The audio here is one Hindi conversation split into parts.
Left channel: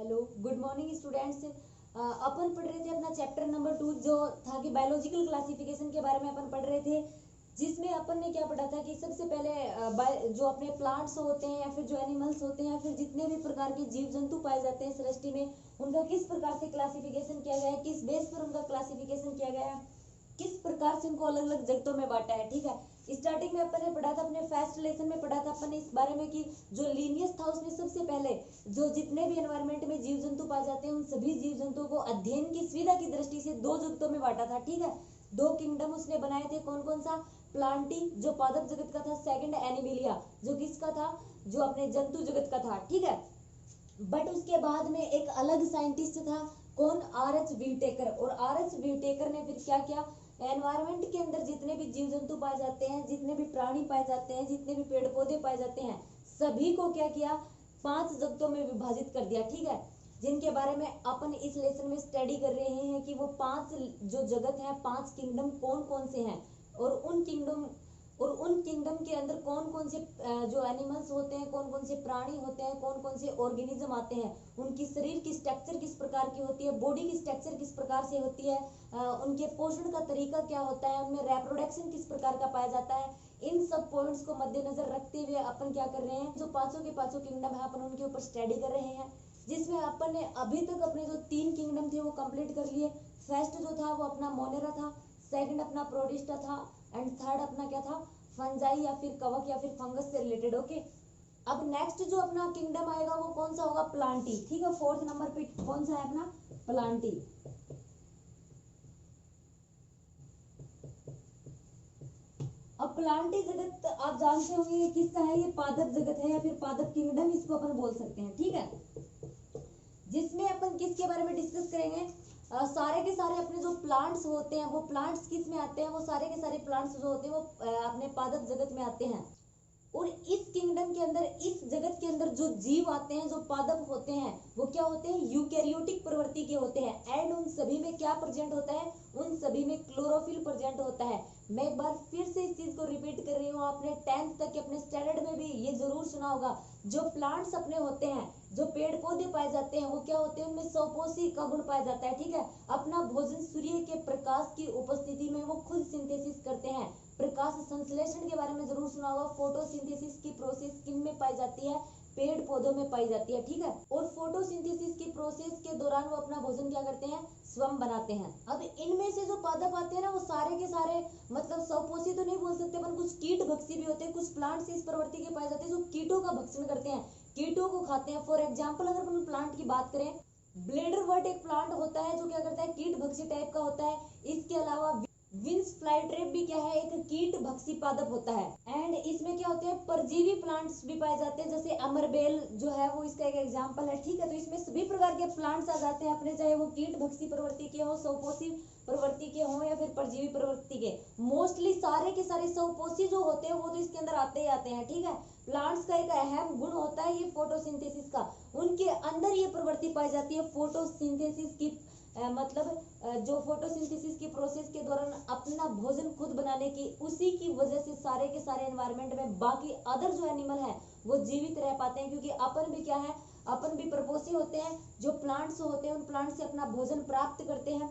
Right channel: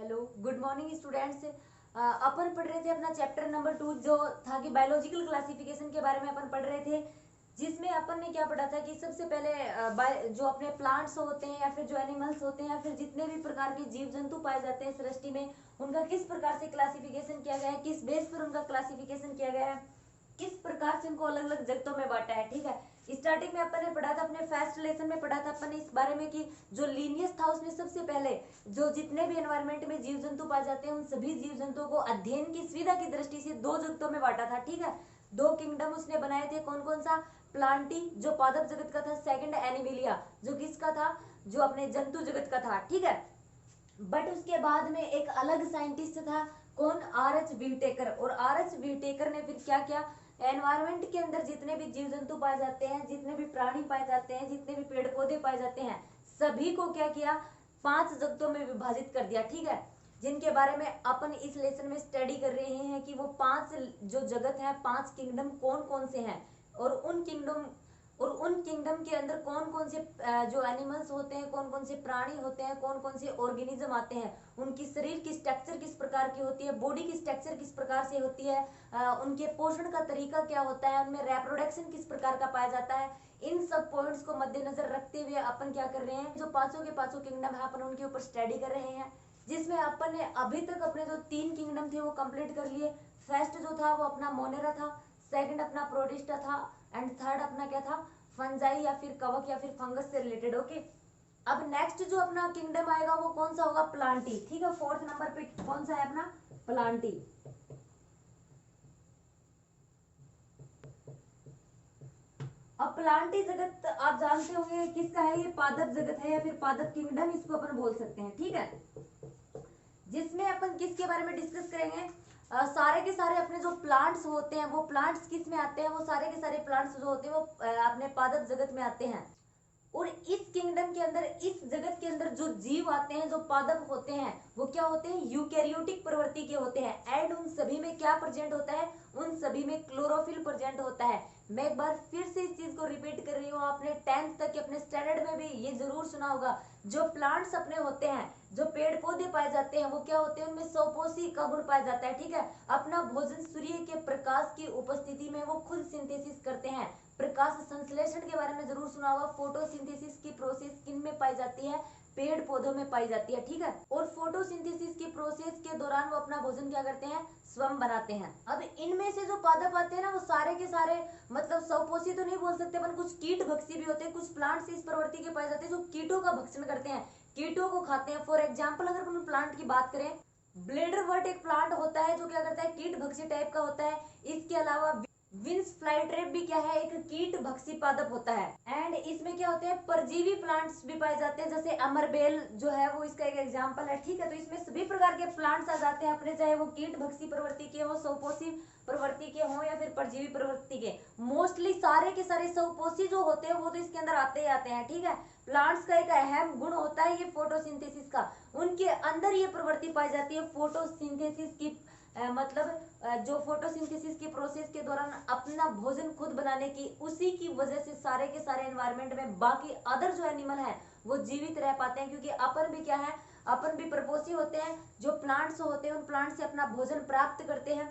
Hello, good morning students. अपन पढ़ रहे थे अपना चैप्टर नंबर 2 जो था कि बायोलॉजिकल क्लासिफिकेशन के बारे में अपन पढ़ रहे थे, जिसमें अपन ने क्या पढ़ा था कि सबसे पहले जो अपने प्लांट्स होते हैं या फिर जो एनिमल्स होते हैं या फिर जितने भी प्रकार के जीव जंतु पाए जाते हैं सृष्टि में, उनका किस प्रकार से क्लासिफिकेशन किया गया है, किस बेस पर उनका क्लासिफिकेशन किया गया है, किस प्रकार से उनको अलग अलग जगतों में बांटा है। ठीक है, स्टार्टिंग में अपन ने पढ़ा था, अपने फर्स्ट लेसन में पढ़ा था अपन ने इस बारे में कि जो लीनियस था उसमें सबसे पहले जो जितने भी एनवायरमेंट में जीव जंतु पाए जाते हैं उन सभी जीव जंतुओं को अध्ययन की सुविधा की दृष्टि से दो जगतों में बांटा था। ठीक है, दो किंगडम उसने बनाए थे। कौन कौन सा? प्लांटी जो पादप जगत का था, सेकंड एनिमिलिया जो किसका था, जो अपने जंतु जगत का था। ठीक है, बट उसके बाद में एक अलग साइंटिस्ट था, कौन? R H Whittaker. और आर एच व्हीटेकर ने फिर क्या किया, एनवायरमेंट के अंदर जितने भी जीव जंतु पाए जाते हैं, जितने भी प्राणी पाए जाते हैं, जितने भी पेड़ पौधे पाए जाते हैं, सभी को क्या किया, 5 जगतों में विभाजित कर दिया। ठीक है, जिनके बारे में अपन इस लेसन में स्टडी कर रहे हैं कि वो 5 जो जगत है, 5 किंगडम कौन कौन से हैं, और उन किंगडम के अंदर कौन कौन से जो एनिमल्स होते हैं, कौन कौन से प्राणी होते हैं, कौन कौन से ऑर्गेनिज्म आते हैं, उनकी शरीर की स्ट्रक्चर किस प्रकार की होती है, बॉडी की स्ट्रक्चर किस प्रकार से होती है, उनके पोषण का तरीका क्या होता है, उनमें रिप्रोडक्शन किस प्रकार का पाया जाता है। इन सब पॉइंट्स को मद्देनजर रखते हुए अपन क्या कर रहे हैं, जो पांचों के पांचों किंगडम है अपन उनके ऊपर स्टडी कर रहे हैं, जिसमें अपन ने अभी तक अपने जो 3 किंगडम थे वो कंप्लीट कर लिए। फर्स्ट जो था वो अपना मोनेरा था, सेकंड अपना प्रोटिस्टा था, एंड थर्ड अपना क्या था, फंजाई या फिर कवक या फिर फंगस से रिलेटेड। ओके, अब नेक्स्ट जो अपना किंगडम आएगा वो कौन सा होगा? प्लांटी। ठीक है, 4th नंबर पे कौन सा है अपना? प्लांटी। अब प्लांटी जगत आप जानते होंगे किसका है, ये पादप जगत है या फिर पादप किंगडम इसको अपन बोल सकते हैं। ठीक है, जिसमें अपन किसके बारे में डिस्कस करेंगे, सारे के सारे अपने जो प्लांट्स होते हैं वो प्लांट्स किस में आते हैं, वो सारे के सारे प्लांट्स जो होते हैं वो अपने पादप जगत में आते हैं। और इस किंगडम के अंदर, इस जगत के अंदर जो जीव आते हैं, जो पादप होते हैं, वो क्या होते हैं? यूकैरियोटिक प्रवृत्ति के होते हैं। एंड उन सभी में क्या प्रेजेंट होता है? उन सभी में क्लोरोफिल प्रेजेंट होता है। मैं एक बार फिर से इस चीज को रिपीट कर रही हूँ, आपने 10th तक के अपने स्टैंडर्ड में भी ये जरूर सुना होगा, जो प्लांट्स अपने होते हैं, जो पेड़ पौधे पाए जाते हैं, वो क्या होते हैं? उनमें सौपोषी का गुण पाया जाता है। ठीक है, अपना भोजन सूर्य के प्रकाश की उपस्थिति में वो खुद सिंथेसिस करते हैं। प्रकाश संश्लेषण के बारे में जरूर सुना होगा। फोटोसिंथेसिस की प्रोसेस किन में पाई जाती है? पेड़ पौधों में पाई जाती है। ठीक है, और फोटोसिंथेसिस की प्रोसेस के दौरान वो अपना भोजन क्या करते हैं? स्वयं बनाते हैं। अब इनमें से जो पादप आते हैं ना, वो सारे के सारे मतलब सौपोषी तो नहीं बोल सकते अपन, कुछ कीट भक्षी भी होते हैं, कुछ प्लांट्स इस प्रवृत्ति के पाए जाते हैं जो कीटों का भक्षण करते हैं, कीटों को खाते हैं। फॉर एग्जाम्पल अगर अपन प्लांट की बात करें, ब्लेडरवर्ट एक प्लांट होता है जो क्या करता है? कीट भक्षी टाइप का होता है। इसके अलावा विंस फ्लाईट्रेप भी क्या है? एक कीट भक्षी पादप होता है। एंड इसमें क्या होते हैं? परजीवी प्लांट्स भी पाए जाते हैं, जैसे अमरबेल जो है वो इसका एक एग्जांपल है। ठीक है, तो इसमें सभी प्रकार के प्लांट्स आ जाते हैं अपने, चाहे वो कीट भक्षी प्रवृत्ति के हो, सौपोषी प्रवृत्ति के हो या फिर परजीवी प्रवृत्ति के। मोस्टली सारे के सारे सौपोषी जो होते हैं वो तो इसके अंदर आते ही आते हैं। ठीक है, प्लांट्स का एक अहम गुण होता है ये फोटोसिंथेसिस का, उनके अंदर ये प्रवृत्ति पाई जाती है फोटोसिंथेसिस की, जो फोटोसिंथेसिस की प्रोसेस के दौरान अपना भोजन खुद बनाने की, उसी की वजह से सारे के सारे एनवायरमेंट में बाकी अदर जो एनिमल है वो जीवित रह पाते हैं, क्योंकि अपन भी क्या है, अपन भी प्रपोसी होते हैं, जो प्लांट्स होते हैं उन प्लांट से अपना भोजन प्राप्त करते हैं।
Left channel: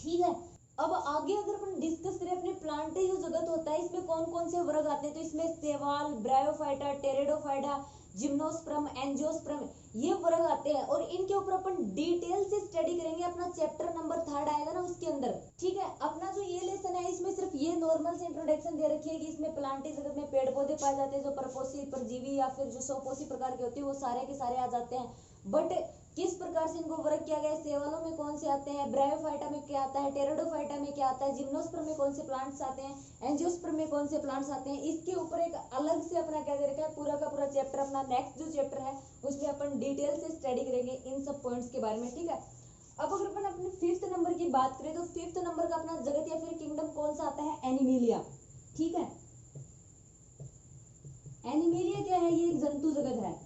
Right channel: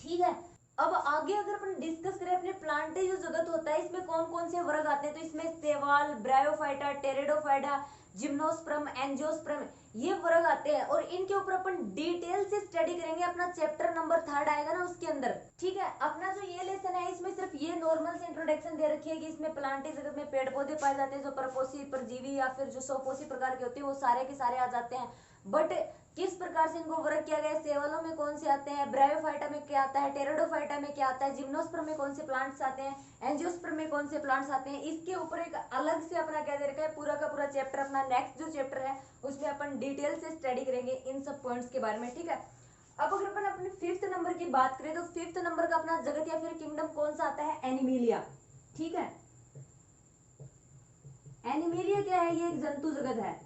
ठीक है, अब आगे अगर अपन डिस्कस करें अपने प्लांटे जो जगत होता है, इसमें कौन कौन से वर्ग आते हैं, तो इसमें सेवाल, ब्रायोफाइटा, टेरिडोफाइटा, जिम्नोस्पर्म, एंजियोस्पर्म, ये वर्ग आते हैं। और इनके ऊपर अपन डिटेल से स्टडी करेंगे, अपना चैप्टर नंबर 3 आएगा ना उसके अंदर। ठीक है, अपना जो ये लेसन है इसमें सिर्फ ये नॉर्मल से इंट्रोडक्शन दे रखी है कि इसमें प्लांटे जगत में पेड़ पौधे पाए जाते हैं, जो परपोषी, परजीवी या फिर जो सौपोषी प्रकार के होते हैं वो सारे के सारे आ जाते हैं। बट किस प्रकार से इनको वर्ग किया गया है, सेवालों में कौन से आते हैं, ब्रायोफाइटा में क्या आता है, टेरिडोफाइटा में क्या आता है, जिम्नोस्पर्म में कौन से प्लांट्स आते हैं, एंजियोस्पर्म में कौन से प्लांट्स आते हैं, इसके ऊपर एक अलग से अपना क्या दे रखा है, पूरा का पूरा चैप्टर, अपना नेक्स्ट जो चैप्टर है उसमें अपन डिटेल से स्टडी करेंगे इन सब पॉइंट्स के बारे में। ठीक है, अब अगर अपन अपने 5th नंबर की बात करें तो 5th नंबर का अपना जगत या फिर किंगडम कौन सा आता है? एनिमिलिया। ठीक है, एनिमिलिया क्या है? ये एक जंतु जगत है।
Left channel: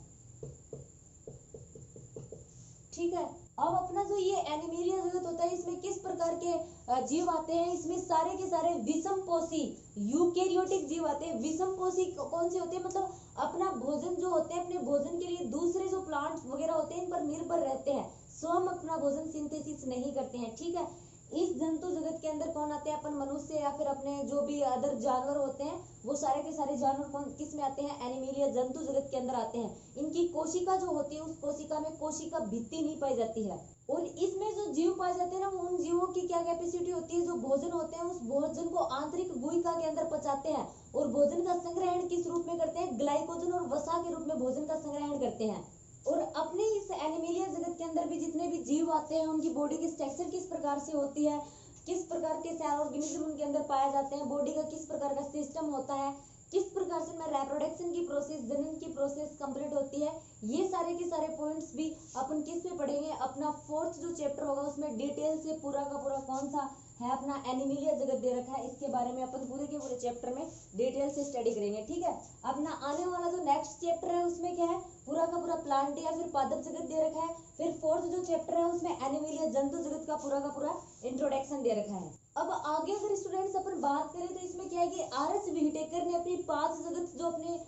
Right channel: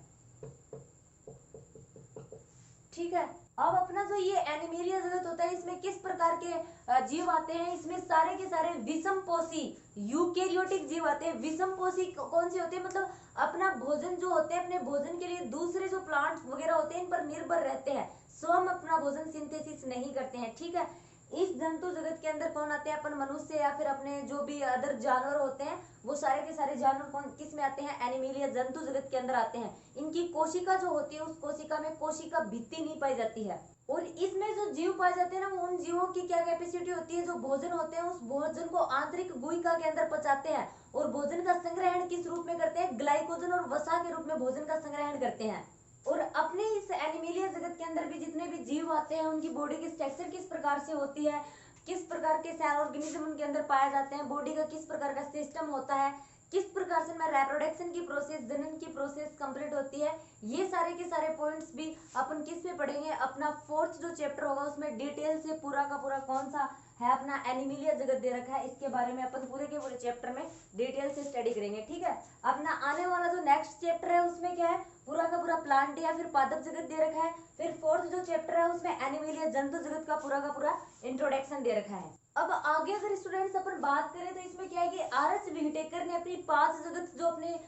ठीक है, अब अपना जो ये एनिमेलिया जगत होता है, इसमें किस प्रकार के जीव आते हैं? इसमें सारे के सारे विषमपोषी यूकेरियोटिक जीव आते हैं। विषमपोषी कौन से होते हैं? मतलब अपना भोजन जो होते हैं, अपने भोजन के लिए दूसरे जो प्लांट्स वगैरह होते हैं इन पर निर्भर रहते हैं, स्वयं अपना भोजन सिंथेसिस नहीं करते हैं। ठीक है, इस जंतु जगत के अंदर कौन आते हैं? अपन मनुष्य या फिर अपने जो भी अदर जानवर होते हैं, वो सारे के सारे जानवर कौन किस में आते हैं? एनिमेलिया जंतु जगत के अंदर आते हैं। इनकी कोशिका जो होती है, उस कोशिका में कोशिका भित्ति नहीं पाई जाती है, और इसमें जो जीव पाए जाते हैं ना, उन जीवों की क्या कैपेसिटी होती है? जो भोजन होते हैं उस भोजन को आंतरिक गुहिका के अंदर पचाते हैं, और भोजन का संग्रहण किस रूप में करते हैं? ग्लाइकोजन और वसा के रूप में भोजन का संग्रहण करते हैं। और अपने इस एनिमेलिया जगत के अंदर भी जितने भी जीव आते हैं, उनकी बॉडी की स्ट्रक्चर किस प्रकार से होती है, किस प्रकार के सेल ऑर्गेनिज्म उनके अंदर पाए जाते हैं, बॉडी का किस प्रकार का सिस्टम होता है, किस प्रकार से मैं रिप्रोडक्शन की प्रोसेस, जनन की प्रोसेस कंप्लीट होती है, ये सारे के सारे पॉइंट्स भी अपन किस में पढ़ेंगे? अपना 4th जो चैप्टर होगा उसमें डिटेल से पूरा का पूरा कौन सा है अपना एनिमेलिया जगत दे रखा है, इसके बारे में अपन पूरे के पूरे चैप्टर में डिटेल से स्टडी करेंगे। ठीक है, अपना आने वाला जो नेक्स्ट चैप्टर है उसमें क्या है? पूरा का पूरा प्लांट या फिर पादप जगत दे रखा है। फिर 4th जो चैप्टर है उसमें एनिमेलिया जंतु जगत का पूरा इंट्रोडक्शन दे रखा है। अब आगे अगर स्टूडेंट्स अपन बात करें तो इसमें क्या है कि आर.एस. व्हिटेकर ने अपनी 5 जगत जो अपने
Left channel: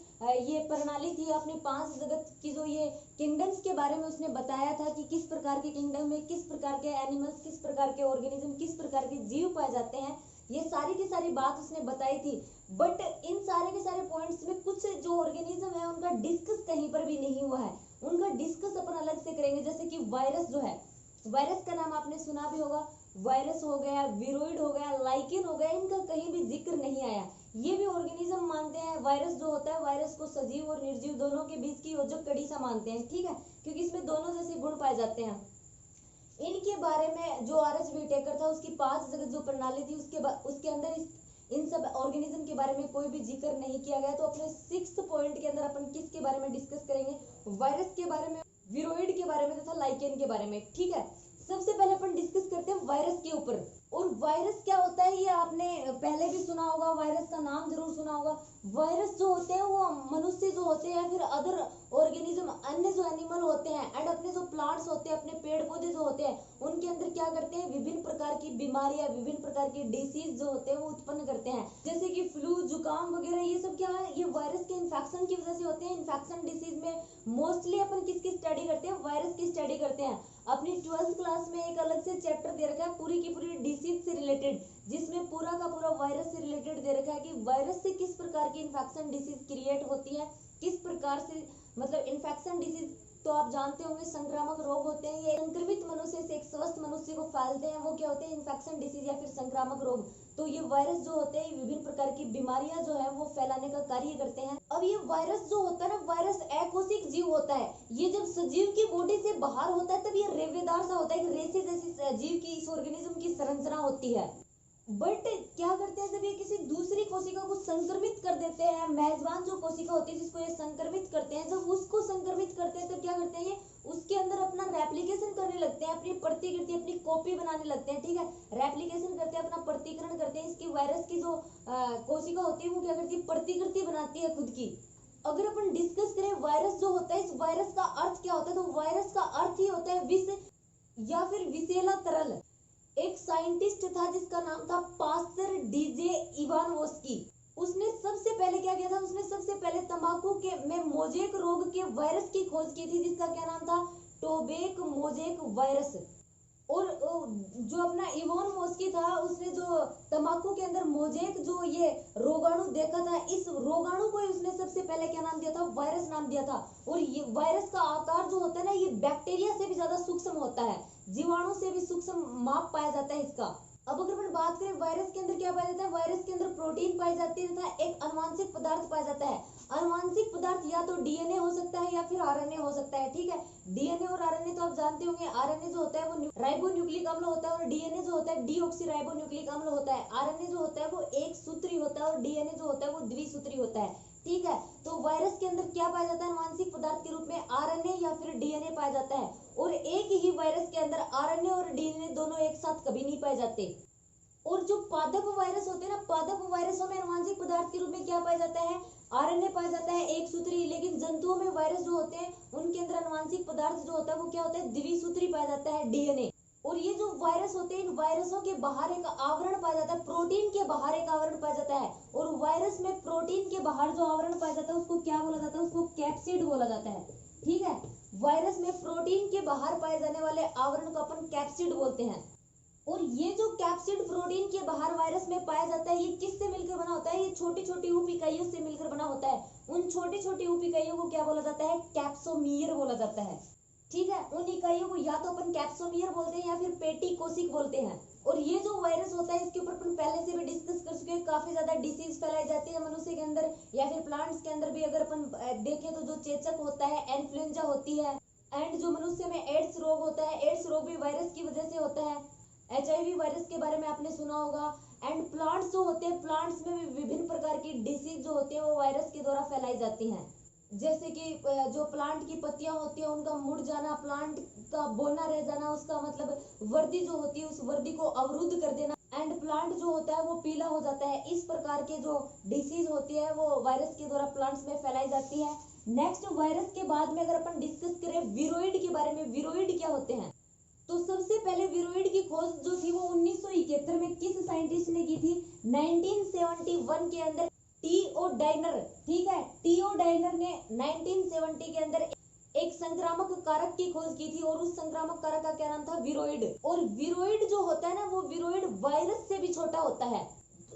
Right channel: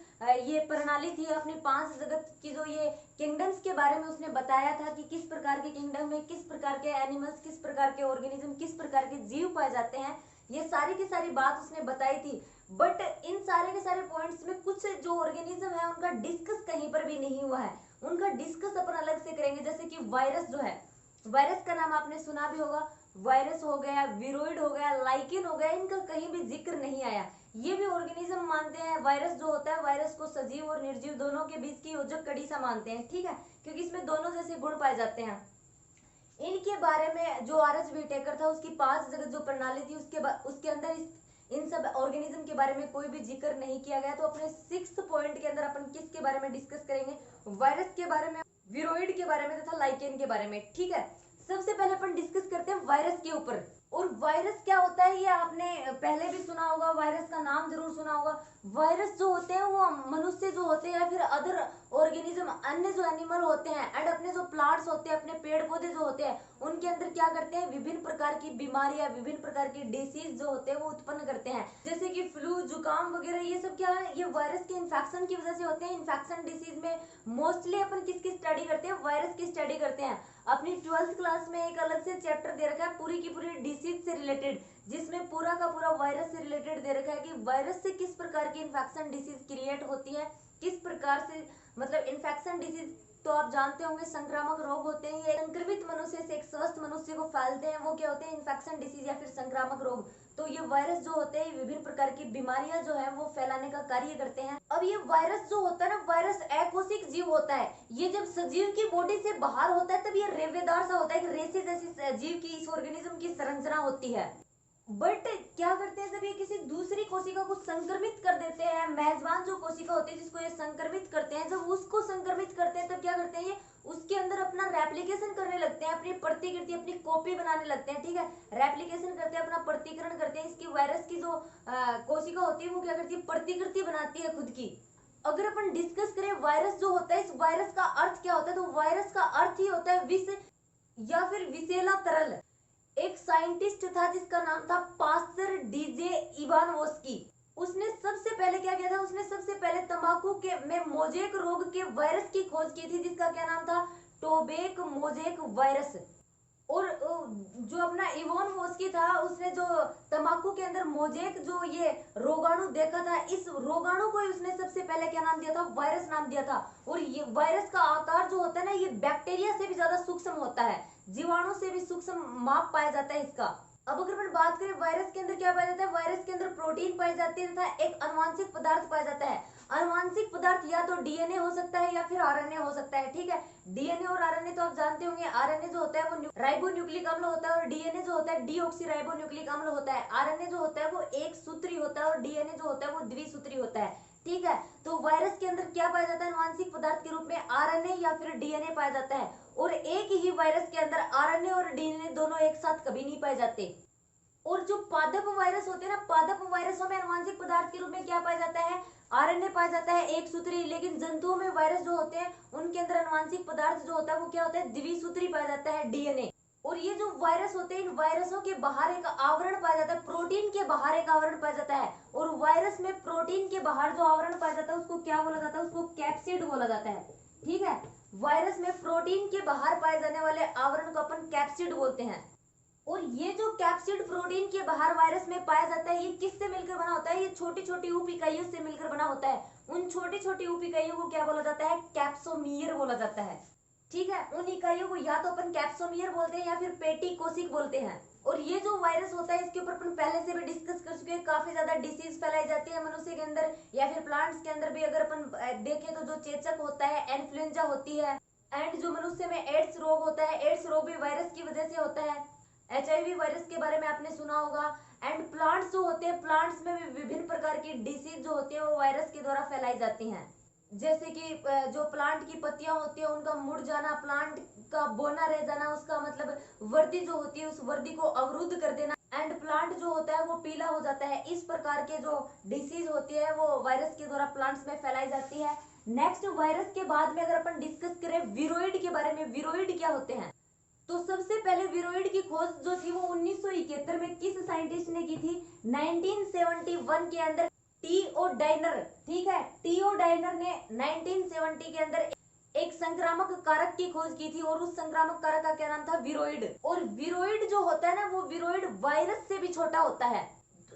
ये प्रणाली थी, अपनी 5 जगत की जो ये किंगडम्स के बारे में उसने बताया था कि किस प्रकार के किंगडम में किस प्रकार के एनिमल्स, किस प्रकार के ऑर्गेनिज्म, किस प्रकार के जीव पाए जाते हैं। ये सारी की सारी बात उसने बताई थी, बट इन सारे के सारे पॉइंट्स में कुछ जो ऑर्गेनिज्म है उनका डिस्कस कहीं पर भी नहीं हुआ है। उनका डिस्कस अपन अलग से करेंगे। जैसे कि वायरस जो है, वायरस का नाम आपने सुना भी होगा, वायरस हो गया, विरोइड हो गया, लाइकेन हो गया, इनका कहीं भी जिक्र नहीं आया। ये भी ऑर्गेनिज्म मानते हैं। वायरस जो होता है, वायरस को सजीव और निर्जीव दोनों के बीच की योजक कड़ी सा मानते हैं। ठीक है, क्योंकि इसमें दोनों जैसे गुण पाए जाते हैं। इनके बारे में जो आर.एस. व्हिटेकर था, उसकी 5 जगत जो प्रणाली थी उसके अंदर इन सब ऑर्गेनिज्म के बारे में कोई भी जिक्र नहीं किया गया। तो अपने 6th पॉइंट के अंदर अपन किसके बारे में डिस्कस करेंगे? वायरस के बारे में, विरोइड के बारे में तथा लाइकेन के बारे में। ठीक है, सबसे पहले अपन डिस्कस करते हैं वायरस के ऊपर। और वायरस क्या होता है ये आपने पहले भी सुना होगा, वायरस का नाम जरूर सुना होगा। वायरस जो होते हैं वो मनुष्य जो होते हैं या फिर अदर ऑर्गेनिज्म, अन्य जो एनिमल होते हैं एंड अपने जो प्लांट्स होते हैं, अपने पेड़ पौधे जो होते हैं, उनके अंदर क्या करते हैं? विभिन्न प्रकार की बीमारियां, विभिन्न प्रकार की डिसीज जो होते हैं वो उत्पन्न करते हैं। जैसे कि फ्लू, जुकाम वगैरह, ये सब क्या है? ये वायरस के इन्फेक्शन की वजह से होते हैं। इन्फेक्शन डिसीज में मोस्टली अपन किसकी स्टडी करते हैं? वायरस की स्टडी करते हैं। अपनी 12th क्लास में एक अलग से चैप्टर दे रखा है पूरी की पूरी डिसीज से रिलेटेड, जिसमें पूरा का पूरा वायरस से रिलेटेड दे रखा है कि वायरस से किस प्रकार की इन्फेक्शन डिसीज क्रिएट होती है, किस प्रकार से, मतलब इन्फेक्शन डिसीज तो आप जानते होंगे संक्रामक रोग होते हैं। ये संक्रमित मनुष्य से एक स्वस्थ मनुष्य को फैलते हैं, वो क्या होते हैं? इन्फेक्शन डिसीज या फिर संक्रामक रोग। तो ये वायरस जो होते हैं विभिन्न प्रकार की बीमारियां जो है वो फैलाने का कार्य करते हैं। अब ये वायरस जो होता है ना, वायरस अकोशिक जीव होता है। ये जब सजीव की बॉडी से बाहर होता है तब ये रेवेदार सा होता है, एक रेसे जैसी जीव की, इस ऑर्गेनिज्म की संरचना होती है। बट क्या करते हैं, जब ये किसी दूसरी कोशिका को संक्रमित कर देते हैं, मेजबान जो कोशिका होती है जिसको ये संक्रमित करते हैं, जब उसको संक्रमित करते हैं तब क्या करते हैं? ये उसके अंदर अपना रेप्लिकेशन करने लगते हैं, अपनी प्रतिकृति, अपनी कॉपी बनाने लगते हैं। ठीक है, रेप्लिकेशन करते हैं, अपना प्रतिकरण करते हैं। इसकी वायरस की जो कोशिका होती है वो क्या करती है? प्रतिकृति बनाती है खुद की। अगर अपन डिस्कस करें वायरस जो होता है, इस वायरस का अर्थ क्या होता है, तो वायरस का अर्थ ही होता है विष या फिर विषैला तरल। एक साइंटिस्ट था जिसका नाम था पास्टर डीजे इवानोव्स्की। उसने सबसे पहले क्या किया था? उसने सबसे पहले तंबाकू के में मोजेक रोग के वायरस की खोज की थी, जिसका क्या नाम था? टोबेक मोजेक वायरस। और जो अपना इवानोव्स्की था, उसने जो तंबाकू के अंदर मोजेक जो ये रोगाणु देखा था, इस रोगाणु को उसने सबसे पहले क्या नाम दिया था? वायरस नाम दिया था। और ये वायरस का आकार जो होता है ना, ये बैक्टीरिया से भी ज्यादा सूक्ष्म होता है, जीवाणु से भी सूक्ष्म माप पाया जाता है इसका। अब अगर अपन बात करें वायरस के अंदर क्या पाया जाता है? वायरस के अंदर प्रोटीन पाई जाती है तथा एक अनुवांशिक पदार्थ पाया जाता है। अनुवांशिक पदार्थ या तो डीएनए हो सकता है या फिर आरएनए हो सकता है। ठीक है, डीएनए और आरएनए तो आप जानते होंगे। आरएनए जो होता है वो राइबोन्यूक्लिक अम्ल होता है और डीएनए जो होता है डीऑक्सीराइबोन्यूक्लिक अम्ल होता है। आरएनए जो होता है वो एक सूत्री होता है और डीएनए जो होता है वो द्विसूत्री होता है। ठीक है, तो वायरस के अंदर क्या पाया जाता है? अनुवांशिक पदार्थ के रूप में आरएनए या फिर डीएनए पाया जाता है। और एक ही वायरस के अंदर आरएनए और डीएनए दोनों एक साथ कभी नहीं पाए जाते। और जो पादप वायरस होते हैं ना, पादप वायरसों में अनुवांशिक पदार्थ के रूप में क्या पाया जाता है? आरएनए पाया जाता है एक सूत्री, लेकिन जंतुओं में वायरस जो होते हैं उनके अंदर आनुवांशिक पदार्थ जो होता है वो क्या होता है, द्विसूत्री पाया जाता है, डीएनए। और ये जो वायरस होते हैं इन वायरसों के बाहर एक आवरण पाया जाता है, प्रोटीन के बाहर एक आवरण पाया जाता है, और वायरस में प्रोटीन के बाहर जो आवरण पाया जाता है उसको क्या बोला जाता है, उसको कैप्सिड बोला जाता है। ठीक है, वायरस में प्रोटीन के बाहर पाए जाने वाले आवरण को अपन कैप्सिड बोलते हैं। और ये जो कैप्सिड प्रोटीन के बाहर वायरस में पाया जाता है ये किससे मिलकर बना होता है, ये छोटी छोटी उप इकाइयों से मिलकर बना होता है। उन छोटी छोटी उप इकाइयों को क्या बोला जाता है, कैप्सोमियर बोला जाता है। ठीक है, उन इकाइयों को या तो अपन कैप्सोमियर बोलते हैं या फिर पेटी कोशिक बोलते हैं। और ये जो वायरस होता है इसके ऊपर अपन पहले से भी डिस्कस कर चुके हैं, काफी ज्यादा डिसीज फैलाई जाती है मनुष्य के अंदर या फिर प्लांट्स के अंदर भी। अगर अपन देखें तो जो चेचक होता है, इन्फ्लुएंजा होती है, एंड जो मनुष्य में एड्स रोग होता है, एड्स रोग भी वायरस की वजह से होता है। HIV वायरस के बारे में आपने सुना होगा। एंड प्लांट्स जो होते हैं, प्लांट्स में भी विभिन्न प्रकार की डिसीज जो होती है वो वायरस के द्वारा फैलाई जाती हैं। जैसे कि जो प्लांट की पत्तियां होती है उनका मुड़ जाना, प्लांट का बोना रह जाना, उसका मतलब वर्दी जो होती है उस वर्दी को अवरुद्ध कर देना, एंड प्लांट जो होता है वो पीला हो जाता है। इस प्रकार के जो डिसीज होती है वो वायरस के द्वारा प्लांट्स में फैलाई जाती है। नेक्स्ट, वायरस के बाद में अगर अपन डिस्कस करें विरोइड के बारे में, विरोइड क्या होते हैं, तो सबसे पहले विरोइड की खोज जो थी वो 1971 में किस साइंटिस्ट ने की थी, 1971 के अंदर टी.ओ. डाइनर। ठीक है, टी.ओ. डाइनर ने 1970 के अंदर एक संक्रामक कारक की खोज की थी और उस संक्रामक कारक का क्या नाम था, विरोइड। और विरोइड जो होता है ना वो विरोइड वायरस से भी छोटा होता है।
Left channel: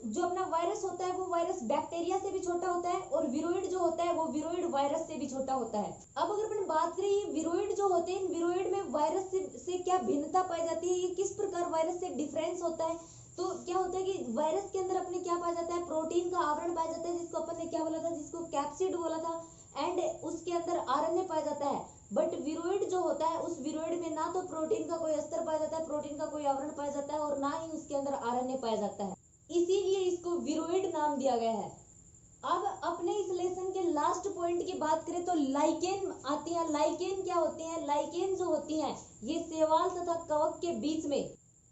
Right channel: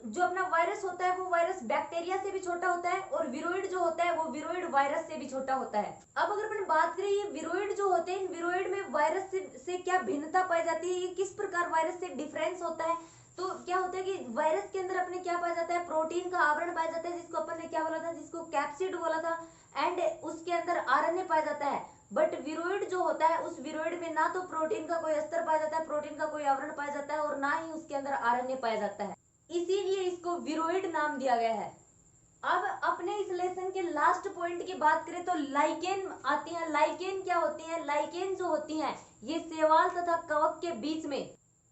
जो अपना वायरस होता है वो वायरस बैक्टीरिया से भी छोटा होता है, और विरोइड जो होता है वो विरोइड वायरस से भी छोटा होता है। अब अगर अपन बात करें ये विरोइड जो होते हैं, इन विरोइड में वायरस से क्या भिन्नता पाई जाती है, ये किस प्रकार वायरस से डिफरेंस होता है, तो क्या होता है कि वायरस के अंदर अपने क्या पाया जाता है, प्रोटीन का आवरण पाया जाता है जिसको अपन ने क्या बोला था, जिसको कैप्सिड बोला था, एंड उसके अंदर आरएनए पाया जाता है। बट विरोइड जो होता है उस विरोइड में ना तो प्रोटीन का कोई अस्तर पाया जाता है, प्रोटीन का कोई आवरण पाया जाता है, और ना ही उसके अंदर आरएनए पाया जाता है, इसीलिए इसको विरोइड नाम दिया गया है। अब अपने इस लेसन के लास्ट पॉइंट की बात करें तो लाइकेन आती है। लाइकेन क्या होती है, लाइकेन जो होती है ये शैवाल तथा कवक के बीच में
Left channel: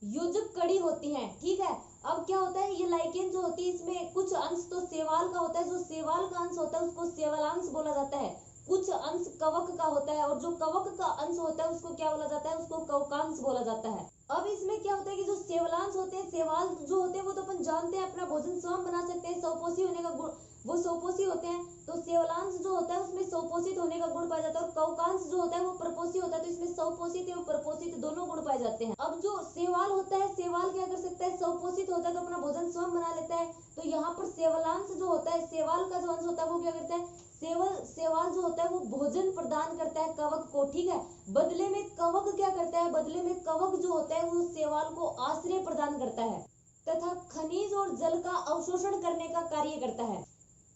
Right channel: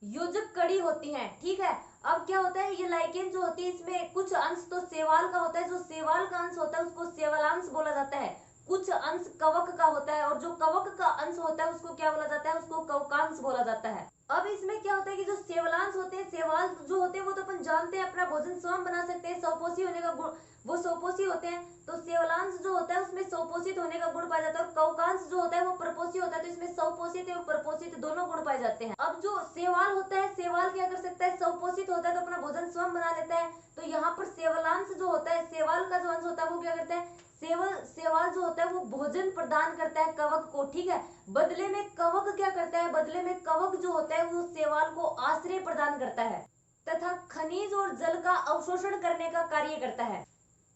योजक कड़ी होती है। ठीक है, अब क्या होता है, ये लाइकेन जो होती है इसमें कुछ अंश तो शैवाल का होता है, जो शैवाल का अंश होता है उसको शैवालांश बोला जाता है, कुछ अंश कवक का होता है, और जो कवक का अंश होता है उसको क्या बोला जाता है, उसको कवकांश बोला जाता है। अब इसमें क्या होता है कि जो शैवालांश होते हैं, शैवाल जो होते हैं वो तो अपन जानते हैं अपना भोजन स्वयं बना सकते हैं, स्वपोषी होने का गुण, वो स्वपोषी होते हैं, तो शैवालांश जो होता है उसमें स्वपोषित होने का गुण पाया जाता है, और कवकांश जो होता है वो परपोषी होता है, तो इसमें स्वपोषित एवं परपोषित दोनों गुण पाए जाते हैं। अब जो शैवाल होता है, शैवाल क्या कर सकता है, स्वपोषित होता है तो अपना भोजन स्वयं बना लेता है, तो यहाँ पर शैवालांश जो होता है, शैवाल का जो अंश होता है वो क्या करता है, शैवाल जो होता है वो भोजन प्रदान करता है कवक को। ठीक है, बदले में कवक क्या करता है, बदले में कवक जो होता है वो शैवाल को आश्रय प्रदान करता है तथा खनिज और जल का अवशोषण करने का कार्य करता है।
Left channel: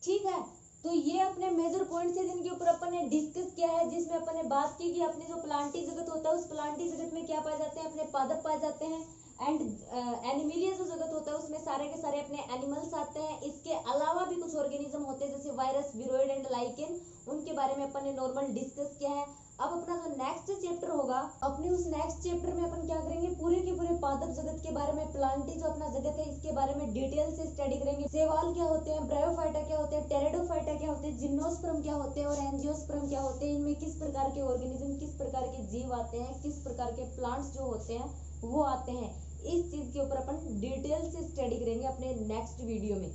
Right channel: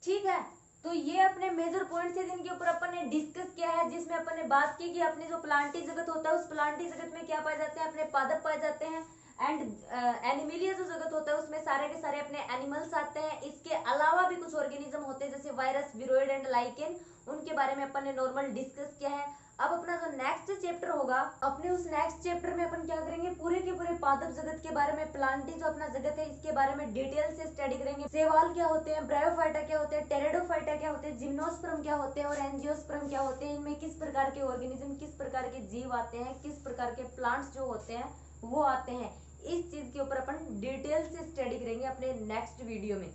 ठीक है, तो ये अपने मेजर पॉइंट्स है जिनके ऊपर अपन ने डिस्कस किया है, जिसमें अपन ने बात की कि अपने जो प्लांटी जगत होता है उस प्लांटी जगत में क्या पाए जाते हैं, अपने पादप पाए जाते हैं, एंड एनिमिलिया जो जगत होता है उसमें सारे के सारे अपने एनिमल्स आते हैं। इसके अलावा भी कुछ ऑर्गेनिज्म होते हैं जैसे वायरस, विरोइड एंड लाइकेन, उनके बारे में अपन ने नॉर्मल डिस्कस किया है। अब अपना जो नेक्स्ट चैप्टर होगा, अपने उस नेक्स्ट चैप्टर में अपन क्या करेंगे, पूरे के पूरे पादप जगत के बारे में, प्लांटी जो अपना जगत है इसके बारे में डिटेल से स्टडी करेंगे। शैवाल क्या होते हैं, ब्रायोफाइटा क्या होते हैं, टेरिडोफाइटा क्या होते हैं, जिम्नोस्पर्म क्या होते हैं और एंजियोस्पर्म क्या होते हैं, इनमें किस प्रकार के ऑर्गेनिज्म, किस प्रकार के जीव आते हैं, किस प्रकार के प्लांट्स जो होते हैं वो आते हैं। इस चीज के ऊपर अपन डिटेल से स्टडी करेंगे अपने नेक्स्ट वीडियो में।